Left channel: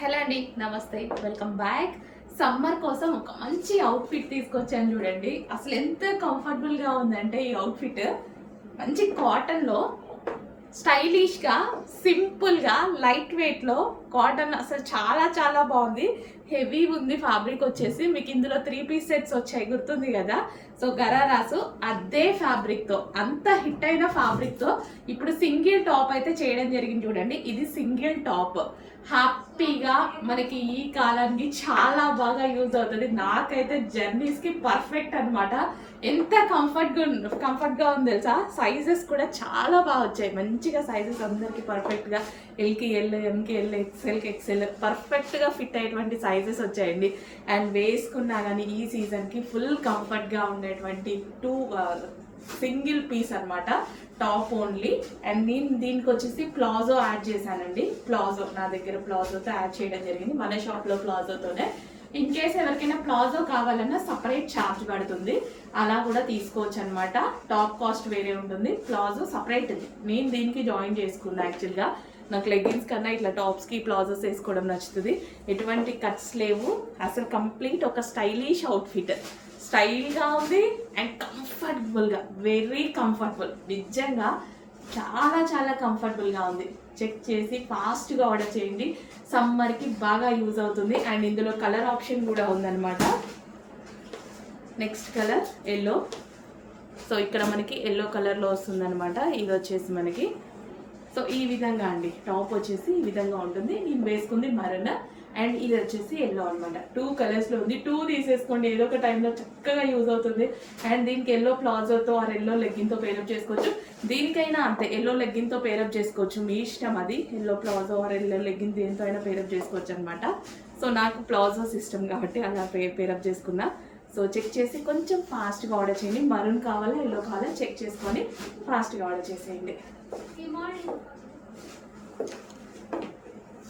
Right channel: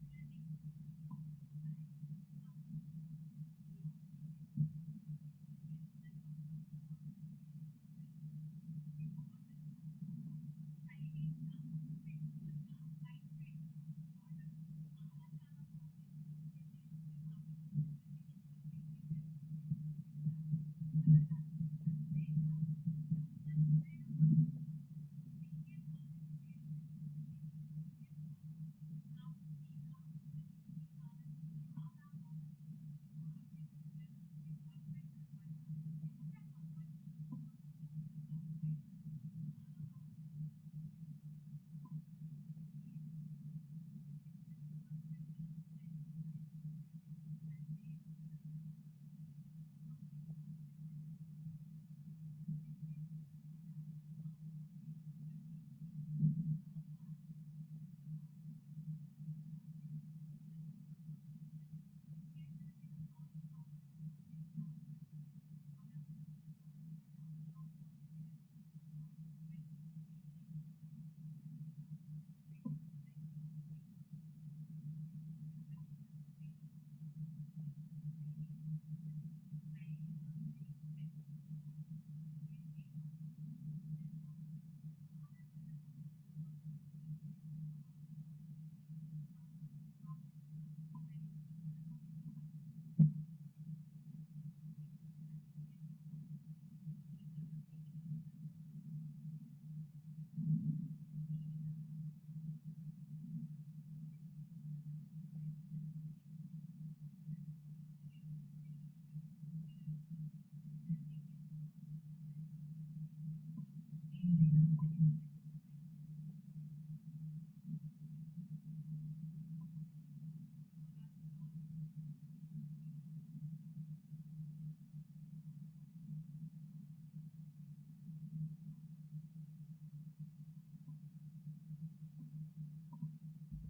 Hello అండి, నమస్తే, welcome back. Summer కోసం ఒక మంచి అవుట్ఫిట్ తీసుకొచ్చాను చూడండి. అసలు ఎంత కంఫర్టబుల్గా ఉందంటే ఈ అవుట్ఫిట్ మంచి కాటన్లో స్టైలిష్గా సింపుల్గా లైట్ వెయిట్లో కాటన్ అసలు చాలా చాలా బాగుంది. హెవీ ఉంది ఫ్యాబ్రిక్ వచ్చేసి. మీకు ఇందులో 3 పీస్ సెట్స్ వచ్చాయి, గుర్తుంది కదా. సో గరారాసు అదే ఫ్యాబ్రిక్తో, అంత హిట్ అయిన ఫ్యాబ్రిక్తో ఇప్పుడు సింగిల్ టాప్ అయితే చేయడం జరిగింది చూడండి. ఇది సింగిల్ టాప్ హ్యాపీగా మనకి ఈ కాలానికి చాలా బాగా యూజ్ అవుతుంది. నాకైతే జర్నీస్కి పర్ఫెక్ట్ అనమాట. ఎంత కంఫర్ట్గా ఉంది తెలుసా. సైజెస్ కూడా చాలా బాగా వచ్చాయి, మంచిగా సైజెస్ అందరికి పర్ఫెక్ట్గా. ఎల్కి ఎల్, ఎంకి ఎల్, ఎక్స్ఎల్కి ఎక్స్ఎల్ పర్ఫెక్ట్గా ఫిట్ అయ్యేటువంటి సైజెస్ వచ్చాయండి. అండ్ వేసుకున్నా కానీ ఈ సీజన్కి ఫుల్ కంఫర్ట్గా ఉండేటువంటి సింగిల్ పీస్ అనమాట, టాప్ ఓన్లీ. అండ్ నేను దీనికి వచ్చేసి ప్లాజో యాడ్ చేశానండి. ప్లాజో నా దగ్గర ప్లాజోతో యాడ్ చేయడం జరిగింది, మన షాప్లో ప్లాజోతోనే. ఇన్ కేస్ ఎవరికైనా ప్లాజో కావాలన్నా సపరేట్ ఛార్జ్ పడుతుంది, అలా కూడా తీసుకోవచ్చు అనమాట. టాప్ కాస్ట్ వేరే ఉంటుంది, ప్లాజో సపరేట్. నేను దీనికి జాయిన్ చేసుకున్నా. యాక్చువల్గా నాకు లెగ్గిన్స్ కన్నా ఇట్లా టాప్స్కి ప్లాజోస్ వేసుకోవడం నచ్చుతుంది. ఎటువంటి కట్స్ లేవు, అసలు కంప్లీట్ ఒక స్టైలిష్ అవుట్ఫిట్. స్టైల్గా ఉంది అండ్ కంఫర్టబుల్గా, వెరీ కంఫర్టబుల్. నిజంగా చాలా చాలా కంఫర్టబుల్గా ఉంది. చెక్ చేసి ఫాస్ట్గా ఆర్డర్ చేయండి, సమ్మర్కి బాగా యూజ్ అవుతుంది. అండ్ ఇందులో కలర్ ఆప్షన్ కూడా ఉందన్నమాట. Next colour yellow. సో ఇక్కడ మనకి ఎల్లో కలర్లో వస్తుందన్నమాట. ఇది వచ్చేసి మనకి సో ఈ విధంగా అండి, టాప్ వచ్చేసి ఈ విధంగా ఉంటుంది. నేను వేసుకుంది మరన్ అండ్ ఇది వచ్చేసి ఎల్లో అనమాట. 2 కలర్స్లో ఉంది. 2 తీసేసుకోండి, ఏదో ఒక టైంలో చక్కగా యూజ్ అవుతుంది. అండ్ దీనికి ఎల్లో ప్లాజోతో ఆర్ ఎల్లో లెగ్గిన్తో పేరప్ చేసుకోవచ్చు. దీనికైనా అంతే, ఎల్లో లెగ్గిన్తో పేరప్ చేసుకోవచ్చు, మీ ఇష్టం అది. Yellow palazzo or yellow legging దేంతో అయినా పేరప్ చేసుకోవచ్చు అనమాట. సో నాకు ప్లాజో సిస్టమ్ కాబట్టి అలా పేరప్ చేసుకున్నా. సో చెక్ చేసి కొంచెం ఫాస్ట్గా ఆర్డర్ చేయండి. మరూన్ కావాలా ఎల్లో కావాలా చెక్ చేసుకొని ఫాస్ట్గా ఆర్డర్ చేసేయండి.